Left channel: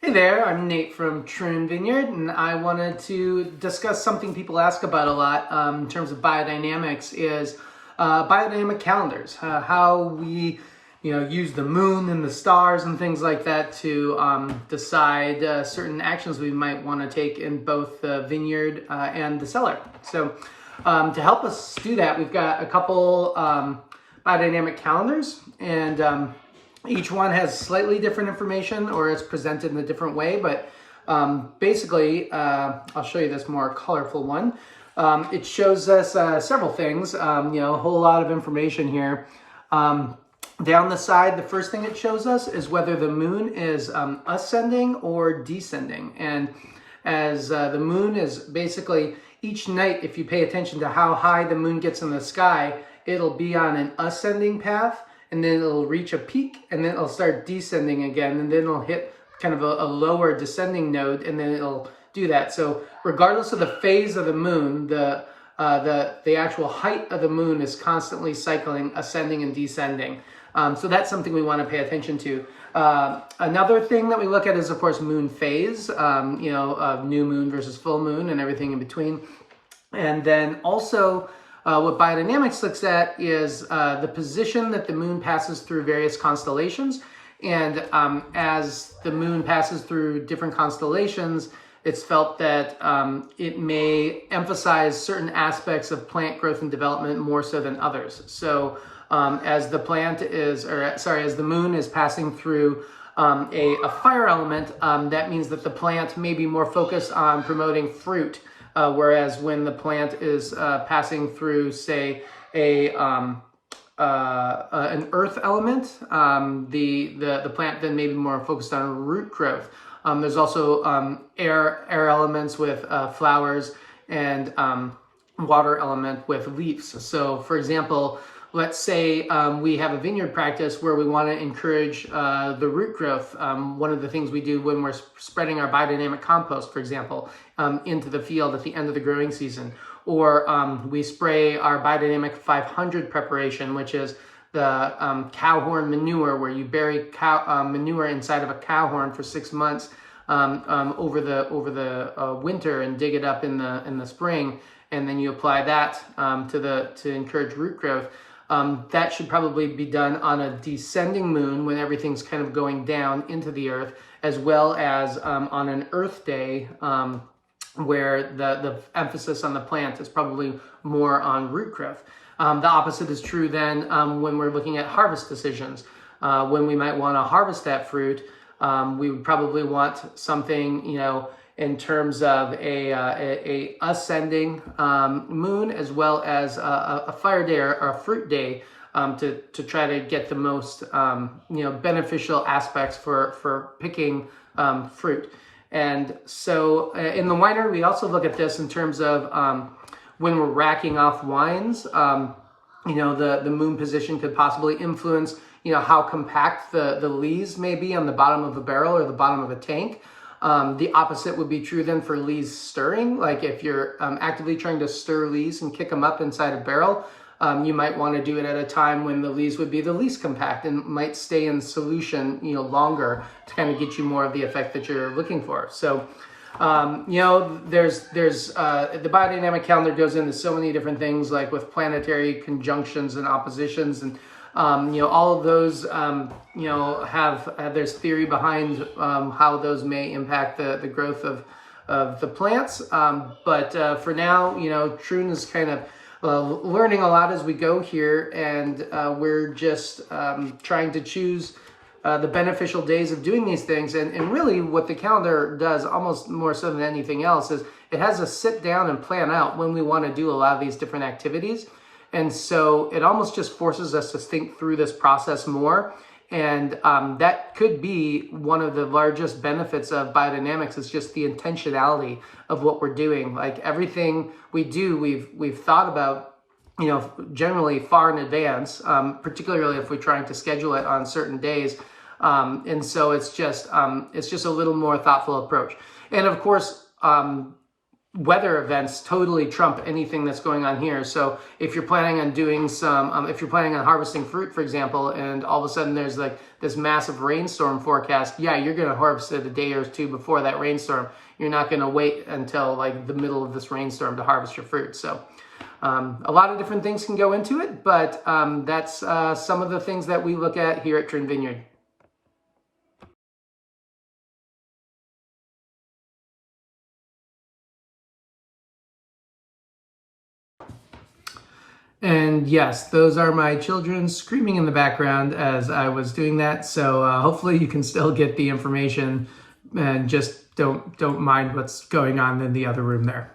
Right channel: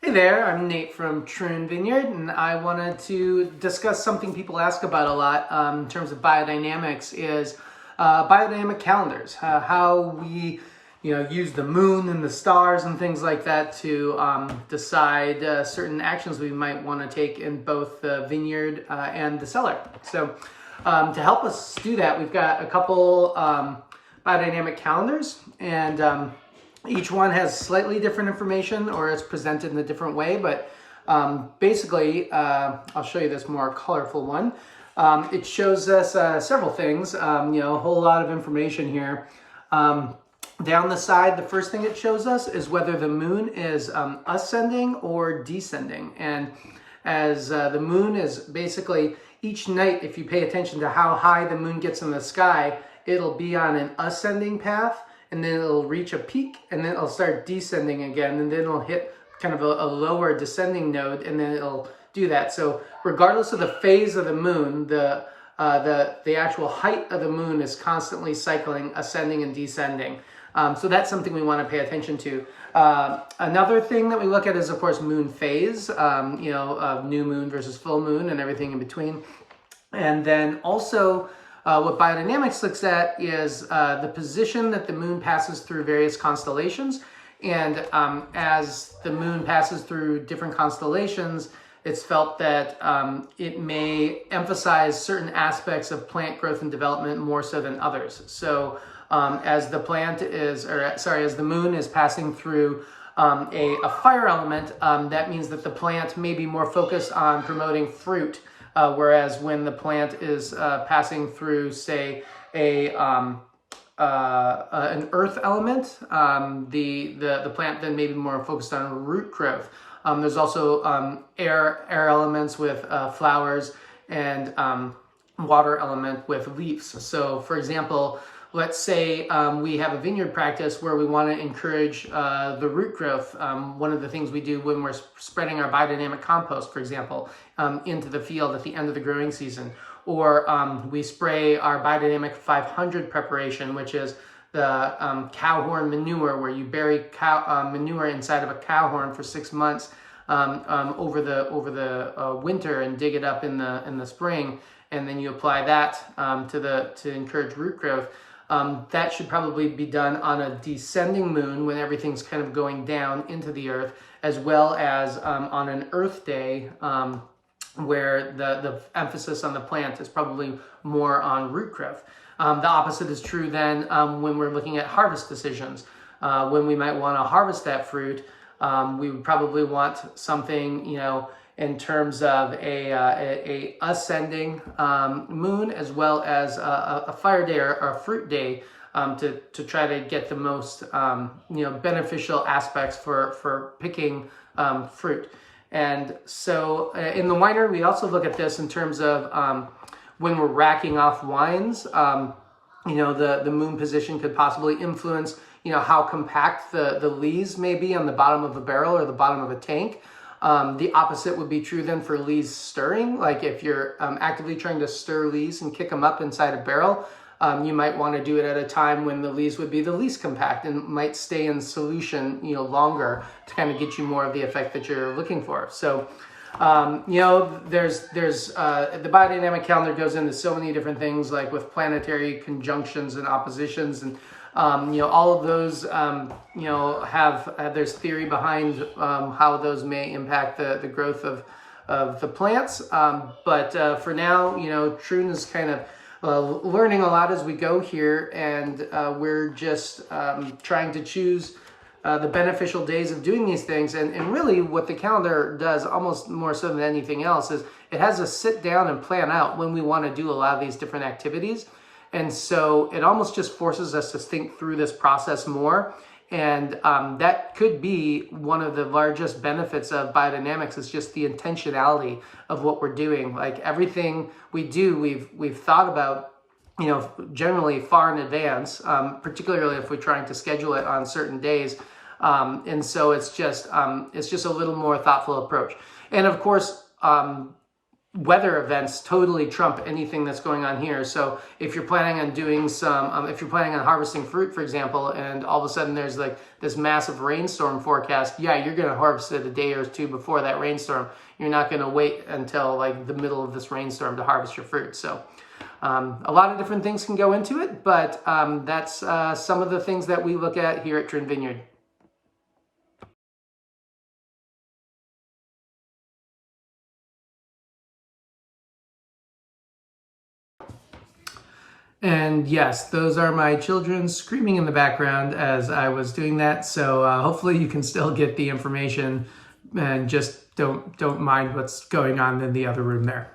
Hey there, I'm Nate from Troon Vineyard, and I wanted to discuss something people ask about a lot in terms of biodynamics is biodynamic calendars, how we use the moon and the stars and things like that to decide certain actions we might want to take in both the vineyard and the cellar. So to help us do that, we've got a couple biodynamic calendars, and each one has slightly different information, or it's presented in a different way, but basically, I'll show you this more colorful one. It shows us several things, a whole lot of information here. Down the side, the first thing it shows us is whether the moon is ascending or descending. And as the moon is basically, each night, if you pay attention to how high the moon gets in the sky, it'll be on an ascending path, and then it'll reach a peak, and then it'll start descending again, and then it'll hit kind of a lower descending node, and then it'll do that. So regardless of the phase of the moon, the actual height of the moon is constantly cycling, ascending and descending. So that's something we want to pay attention to. Another thing that we look at is, of course, moon phase, new moon versus full moon and everything in between. And then also, what biodynamics looks at is the position that the moon passes through various constellations. And as the moon passes through different constellations, it's felt that it may emphasize certain aspects of plant growth and development more so than others. So as the moon is passing through a fire element, that means that the plant may be more focused on promoting fruit. Whereas when the plant is passing through, say, an earth element, the plant then may be more focused on root growth. There's also air elements with flowers, and water element with leaves. So, for example, let's say we have a vineyard practice where we want to encourage the root growth. One of the things we do when we're spreading our biodynamic compost, for example, into the field at the end of the growing season, or we spray our biodynamic 500 preparation, which is the cow horn manure, where you bury cow manure inside of a cow horn for 6 months over the winter and dig it up in the spring, and then you apply that to encourage root growth. That should probably be done on a descending moon when everything's kind of going down into the earth, as well as on an earth day where the emphasis on the plant is probably more on root growth. The opposite is true then when we're looking at harvest decisions. When we might want to harvest that fruit, we would probably want something, in terms of a ascending moon, as well as a fire day or a fruit day, to try to get the most beneficial aspects for picking fruit. And so in the winery, we also look at this in terms of when we're racking off wines. The moon position could possibly influence how compact the lees may be on the bottom of a barrel or the bottom of a tank. The opposite would be true then for lees stirring. Like if you're actively trying to stir lees and kick them up inside a barrel, you might want to do it at a time when the lees would be the least compact and might stay in solution, longer to kind of get you more of the effect that you're looking for. So, there's the biodynamic calendar goes into so many different things, like with planetary conjunctions and oppositions, and all of those, there's theory behind how those may impact the growth of the plants. But for now, Troon is kind of learning a lot as we go here, and we're just trying to choose the beneficial days of doing these things. And really what the calendar does, almost more so than anything else, is it has us sit down and plan out when we want to do a lot of these different activities. And so it almost just forces us to think through this process more. And that could be one of the largest benefits of biodynamics, is just the intentionality of what we're doing. Like everything we do, we've thought about, generally far in advance, particularly if we're trying to schedule it on certain days. And so it's just a little more thoughtful approach. And of course, weather events totally trump anything that's going on here. So if you're planning on doing if you're planning on harvesting fruit, for example, and all of a sudden there's like this massive rainstorm forecast, yeah, you're going to harvest it a day or two before that rainstorm. You're not going to wait until like the middle of this rainstorm to harvest your fruit. So a lot of different things can go into it, but that's some of the things that we look at here at Troon Vineyard. And yes, those are my children screaming in the background as I was doing that. So hopefully you can still get the information and just don't mind what's going on in the other room there.